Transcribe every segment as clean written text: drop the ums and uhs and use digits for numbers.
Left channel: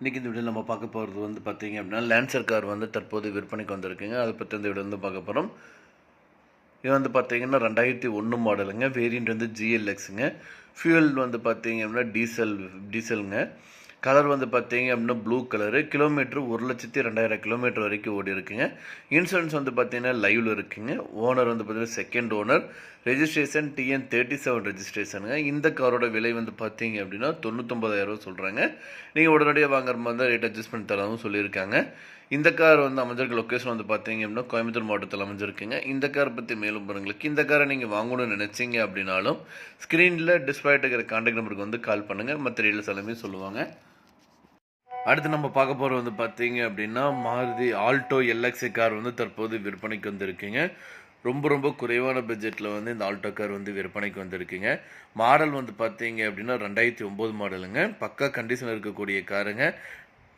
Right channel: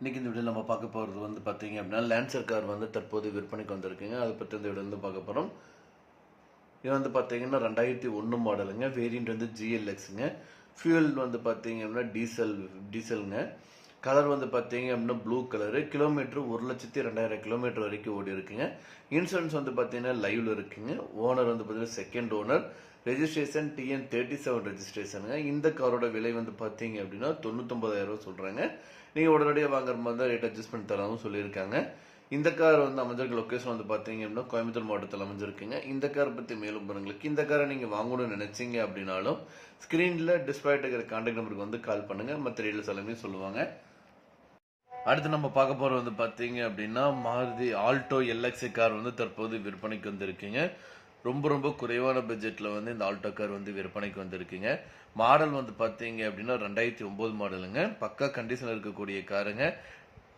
இன்றைக்கி இந்த வீடியோவில் நம்ம பார்க்க போகிறது வந்து பார்த்தீங்க அப்படின்னா லான்சர் கார் வந்து தற்போது விற்பனைக்கு வந்திருக்குங்க. அதை பற்றி இந்த வீடியோ வந்து பார்க்க போகிறோம். இது வந்து பார்த்தீங்கன்னா 2001 மாடலுங்க. வேரியண்ட் வந்து ஜிஎல்எக்ஸுங்க. ஃபியூல் வந்து பார்த்தீங்க அப்படின்னா டீசலுங்க. கலர் வந்து பார்த்தீங்க அப்படின்னா ப்ளூ கலரு. கிலோமீட்டர் 1,02,000 கிலோமீட்டர் வரைக்கும் ஓடி இருக்குங்க. இன்சூரன்ஸ் வந்து பார்த்தீங்கன்னா லைவில் இருக்குங்க. ஓனர் வந்து பார்த்தீங்கன்னா செகண்ட் ஓனர். Registration TN37 ரெஜிஸ்ட்ரேஷனுங்க. இந்த காரோட விலை வந்து பார்த்தீங்க அப்படின்னா 99,000 சொல்கிறாங்க. நீங்கள் உடனடியாக வாங்குற மாதிரி தான் ரேட் அட்ஜஸ்ட் பண்ணி தரவும் சொல்லியிருக்காங்க. இந்த கார் வந்து அமைஞ்சிருக்க லொக்கேஷன் வந்து பார்த்தீங்க அப்படின்னா கோயம்புத்தூர் மாவட்டத்தில் அமைஞ்சிருக்குங்க. இந்த காரை பற்றி மேலும் பாருங்களுக்கு இந்த காரை நீங்கள் வாங்கணும்னு நினச்சிங்க அப்படின்னாலும் ஸ்க்ரீனில் டிஸ்பிளே இருக்கிற கான்டாக்ட் நம்பருக்கு வந்து கால் பண்ணுங்கள். மற்ற டீட்டெயில்ஸ் எல்லாமே சொல்லுவாங்க. அடுத்து நம்ம பார்க்க போகிறது வந்து பார்த்தீங்க அப்படின்னா மாருதி ஆல்டோ எல்எக்ஸி கார் வந்து தற்போது விற்பனைக்கு வந்துருக்குங்க. ரொம்ப குறைவான பட்ஜெட்டில் வந்து இந்த ஆல்டோ கார் வந்து விற்பனைக்கு வந்திருக்குங்க. மாடல் வந்து பார்த்தீங்க அப்படின்னா 2009 மாடலுங்க. பக்கா கண்டிஷனில் இருக்கக்கூடிய காருங்க.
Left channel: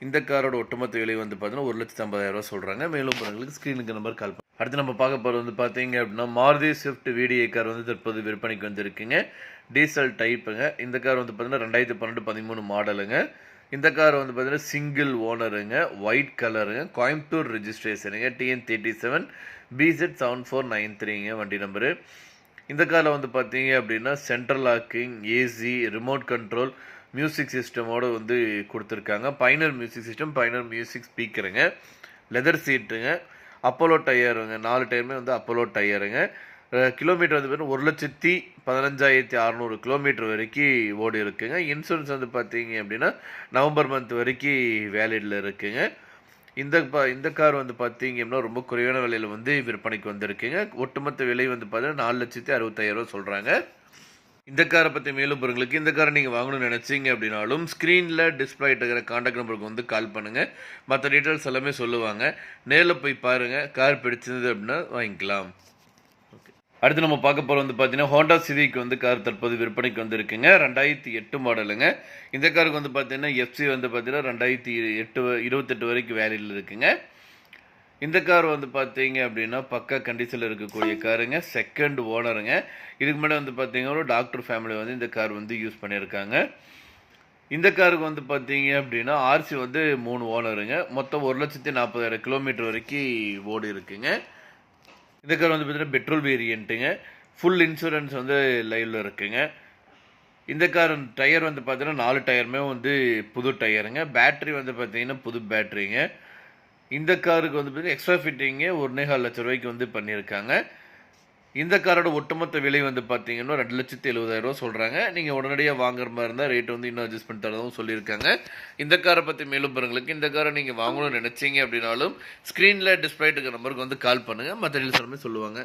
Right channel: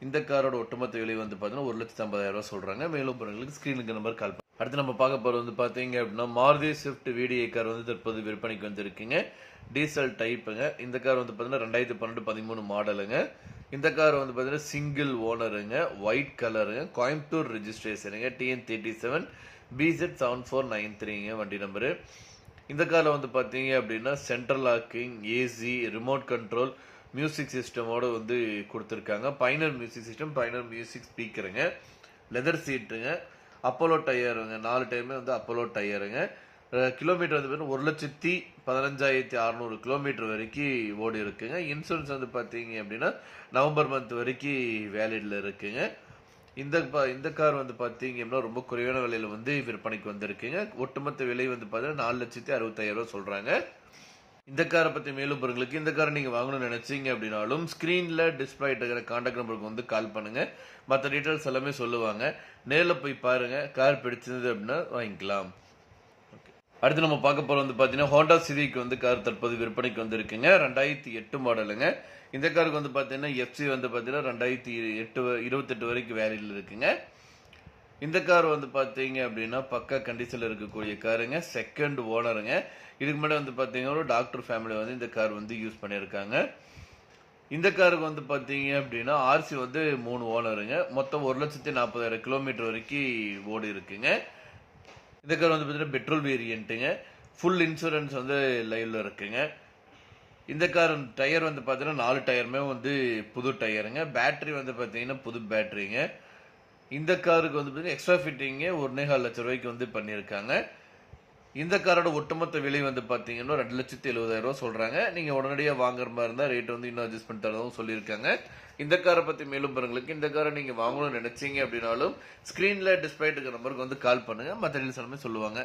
இந்த காரோட ஒட்டுமொத்த விலை வந்து பார்த்தீங்கன்னா 1,50,000 சொல்கிறாங்க. மேலும் பொருட்களுக்கு ஸ்க்ரீனுக்கு நம்பர் கால் பண்ணி. அடுத்து நம்ம பார்க்க போகிறது வந்து பார்த்தீங்க அப்படின்னா மாருதி ஸ்விஃப்ட் VDI கார் வந்து தற்போது விற்பனைக்கு வந்திருக்குங்க. டீசல் டைப்புங்க. இந்த கார் வந்து பார்த்தீங்கன்னா 2012-13 மாடலுங்க. இந்த கார் வந்து பார்த்தீங்கன்னா சிங்கிள் ஓனருங்க. ஒயிட் கலருங்க. கோயம்புத்தூர் ரெஜிஸ்ட்ரேஷனுங்க. TN37 BZ7493ங்க வண்டி நம்பரு. இந்த காரில் வந்து பார்த்தீங்க அப்படின்னா central locking, AC, remote control, music சிஸ்டமோடு வந்து கொடுத்துருக்காங்க. Finer music system, finer music ஸ்பீக்கருங்க. லெதர் சீட்டுங்க. அப்போலோ டயருங்க. 4 டயருமே வந்து அப்போலோ டயருங்க. கிலோமீட்டர் வந்து பார்த்தீங்கன்னா 1,15,600 கிலோமீட்டர் வரைக்கும் ஓடி இருக்குங்க. இன்சூரன்ஸ் வந்து பார்த்தீங்க அப்படின்னா நவம்பர் மந்த் வரைக்கும் வேலிடில் இருக்குங்க. இந்த கார் வந்து பார்த்தீங்க அப்படின்னா ரொம்ப குறைவான விலையில் வந்து விற்பனைக்கு வந்திருக்குங்க. ஒட்டுமொத்த விலை வந்து பார்த்தீங்கன்னா 4,65,000 சொல்கிறாங்க. இந்த காரை பற்றி மேலும் பொருட்களுக்கு இந்த காரை நீங்கள் வாங்கணும்னு நினச்சிங்க அப்படின்னாலும் ஸ்க்ரீனில் டிஸ்பிளே இருக்கிற கான்டாக்ட் நம்பருக்கு வந்து கால் பண்ணுங்கள். மற்ற டீட்டெயில்ஸ் எல்லாமே சொல்லுவாங்க. நேரில் போய் பாருங்கள். கார் பிடிச்சிருந்தது அப்படின்னா வாங்கிக்கலாம். ஓகே, அடுத்து நம்ம பார்க்க போகிற வந்து பார்த்தீங்கன்னா ஹோண்டா சிவிக் வந்து கார் தற்போது விற்பனைக்கு வந்திருக்குங்க. 2008 மாடலுங்க. இந்த காருக்கு வந்து பார்த்தீங்கன்னா FC வந்து பார்த்தீங்கன்னா 2028 வரைக்கும் வேலியில் இருக்குங்க. இந்த கார் வந்து பார்த்தீங்க அப்படின்னா பக்கா கண்டிஷனில் இருக்கக்கூடிய காருங்க. செகண்ட் ஓனருங்க. இதுக்கு முன்னாடி வந்து பார்த்தீங்கன்னா டாக்டர் ஃபேமிலி வந்து இந்த கார் வந்து யூஸ் பண்ணியிருக்காங்க. இந்த காருக்கு வந்து பார்த்தீங்க அப்படின்னா RC வந்து 3 ஓனருங்க. மொத்தம் 1,40,000 கிலோமீட்டர் வரைக்கும் ஓடி இருக்குங்க. இந்த கார் வந்து பார்த்தீங்கன்னா பெட்ரோல் வேரியண்ட்டுங்க. ஃபுல் இன்சூரன்ஸ் வந்து லைவில் இருக்குங்க. இந்த கார் டயர் வந்து பார்த்தீங்கன்னா 4 டயருமே வந்து புது டயருங்க. பேட்டரி வந்து பார்த்தீங்கன்னா புது பேட்டரிங்க. இந்த காருக்கு வந்து பார்த்தீங்கன்னா எக்ஸ்ட்ரா ஃபிட்டிங்கு 1,25,000 ரூபாய்க்கு வந்து பண்ணியிருக்காங்க. இந்த காரோட ஒட்டுமொத்த விலை வந்து பார்த்தீங்கன்னா 2,70,000 சொல்கிறாங்க. நீங்கள் உடனடியாக வாங்குற மாதிரி இருந்தால் ரேட் வந்து இன்னும் அட்ஜஸ்ட் பண்ணி தரதும் சொல்லியிருக்காங்க. இந்த காரை பற்றி மேலும் பாருங்களுக்கு இந்த காரை நீங்கள் வாங்கணும்னு நினச்சிங்க அப்படின்னாலும் ஸ்க்ரீனில் டிஸ்பிளே இருக்கிற நம்பருக்கு வந்து கால் பண்ணுங்கள். மற்ற டீல்ஸ் எல்லாமே சொல்லுவாங்க.